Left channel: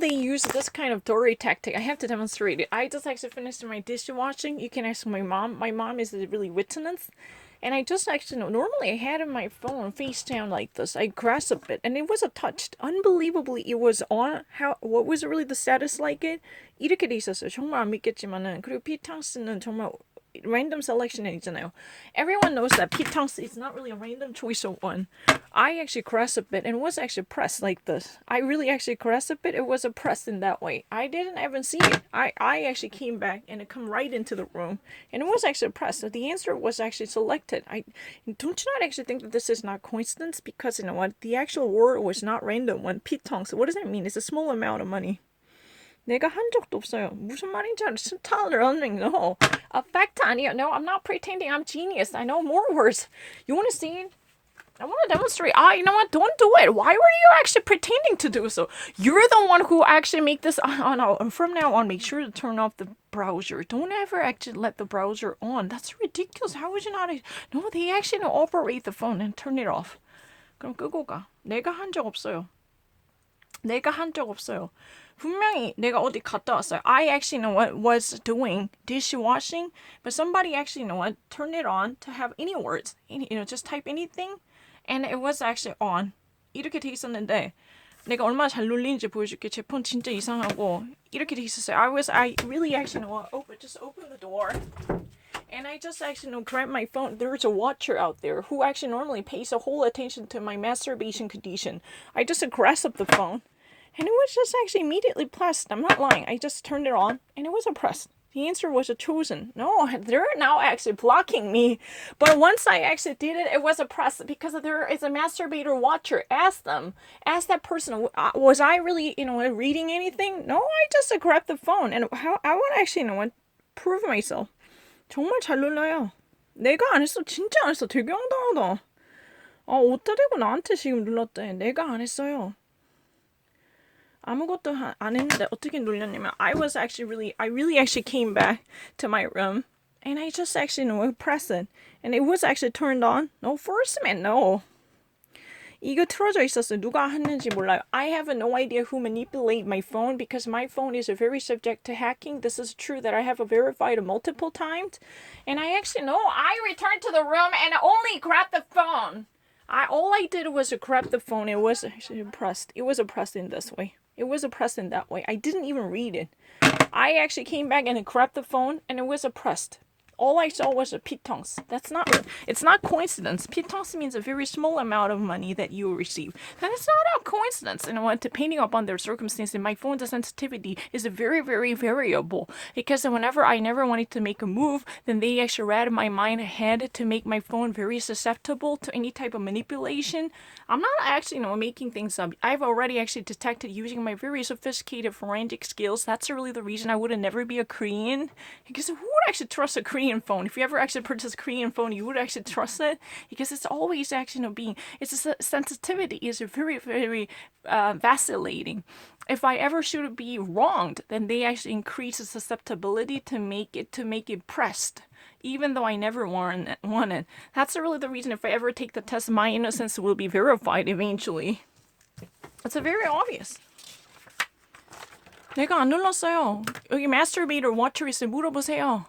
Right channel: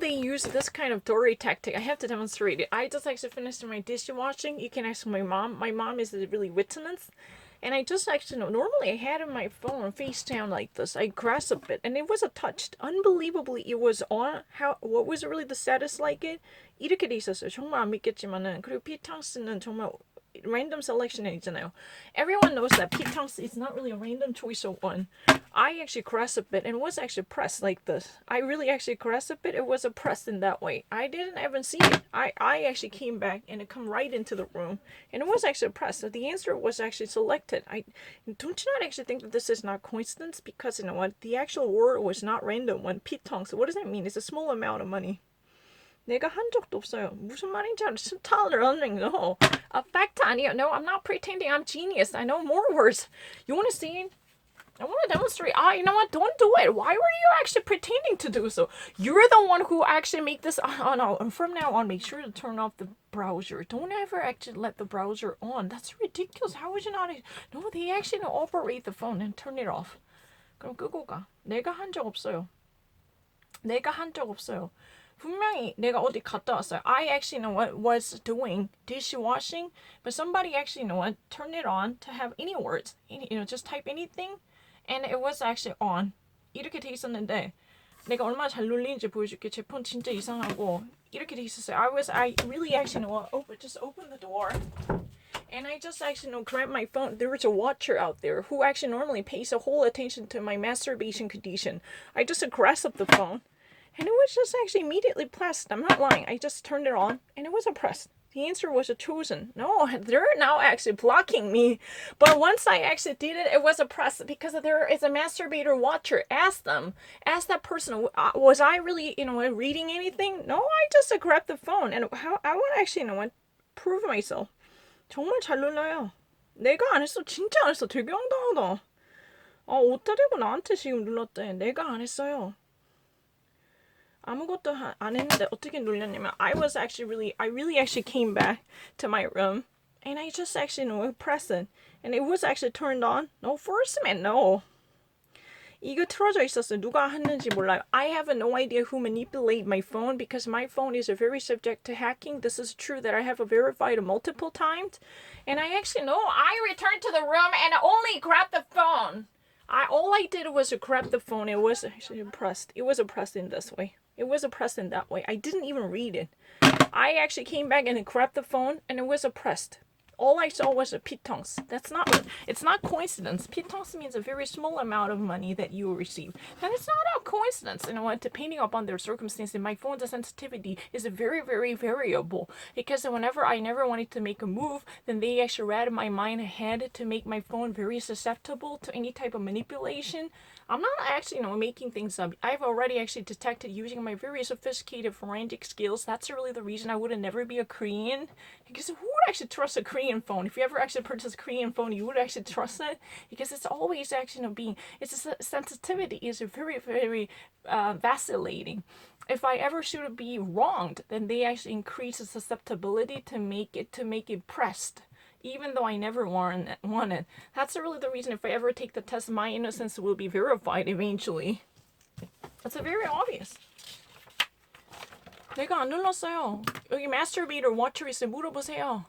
They use this kind of Dory tactic. I have to demonstrate it. I just actually finished my dishwashing. You can ask my mom. My mom is really vigilant. And I just actually know, normally I had my phone face down like this. I grasped it and it was touched. Unbelievably, it was on. What was really the status like it? 이렇게 돼 있었어요. 정말 안 믿겠지만은. 그리고 피탕스는 정말 random selection 있잖아요. Everyone knows that 피탕스 is not really a random choice of one. I actually caressed a bit and it was actually pressed like this. I really actually caressed a bit. It was pressed in that way. I didn't even see it. I actually came back and it come right into the room and it was actually pressed. So the answer was actually selected. I don't you not actually think that this is not coincidence because you know what the actual word was not random one. 피텅. So what does that mean? It's a small amount of money. 내가 한 적도 없어요. 무슨 말인지 스타일을 running. No. A fact 아니야. No, I'm not pretending I'm genius. I know more words. You want to see it? I want to demonstrate. You know what? Don't do it. Why were you actually pretending to do so? You're the one who actually make this. Oh no. From now on, make sure to turn off the browser. Don't ever actually let the browser on. That's ridiculous. How would you not? No, they actually operate the phone and turn it off. 그럼 끄고 가. 내가 한 적 없어요. 내가 한 적 없어요. 분명히 내가 어디 갔다 왔어요. I actually know what was doing dishwashing, but somebody actually know what turned it on to have any words. Just type anything, and it was actually on. 이렇게 돼 있었는데 내가 얼마나 잘 눌리는지 보여줄게. 제 폰 진짜 이상하고 이렇게 돼 있었어요. I really actually know what just open the door. And I just actually grabbed my phone. There's a watcher out there who actually normally pays a whole attention to my masturbation condition. I just grasped the phone. And it was just actually immediately pressed. I'm not lying. I just turned it on and it was pressed. The answer was chosen. No, they're now actually blocking me. But once I actually did it, it was pressed because there is a masturbator watcher. Ask them. Ask that person, was I really, reading anything? No, I just grabbed the phone. And how I want to actually, prove myself. 정말 잘 눌러요. 내가 안 했어. 진짜 안 했어. 되게 황당하다. 어디다 대고 나한테 지금 눌렀대. 내가 안 했어요. 아무것도 안 했는데 어떻게 눌렸냐면 I really actually came back to my room and I just actually pressed it and it was actually turned on. No, first man, no. 이거 틀어져 있었어요. 누가 했는지 몰라요. I have no idea who manipulated my phone because my phone is very subject to hacking. This is true that I have verified multiple times. And I actually know I returned to the room and only grabbed the phone. All I did was grab the phone. It was actually pressed. It was pressed in this way. It was pressed in that way. I didn't even read it. I actually came back and grabbed the phone and it was pressed. All I saw was a pitons. It's not coincidence. Pitons means a very small amount of money that you receive. That is not a coincidence. And depending upon their circumstances, my phone's sensitivity is very, very variable. Because whenever I never wanted to make a move, then they actually read my mind ahead to make my phone very susceptible to any type of manipulation. I'm not actually, making things up. I've already actually detected using my very sophisticated forensic skills. That's really the reason I would never be a Korean. Because who would actually trust a Korean phone? If you ever actually purchase a Korean phone, you would actually trust it because it's always actually its sensitivity is very, very vacillating. If I ever should be wronged, then they actually increase the susceptibility to make it pressed. Even though I never wanted. That's really the reason if I ever take the test, my innocence will be verified eventually. It's very obvious. 내가 안 눌렀어요. 여기 masturbator watcher 있어요. 물어보세요.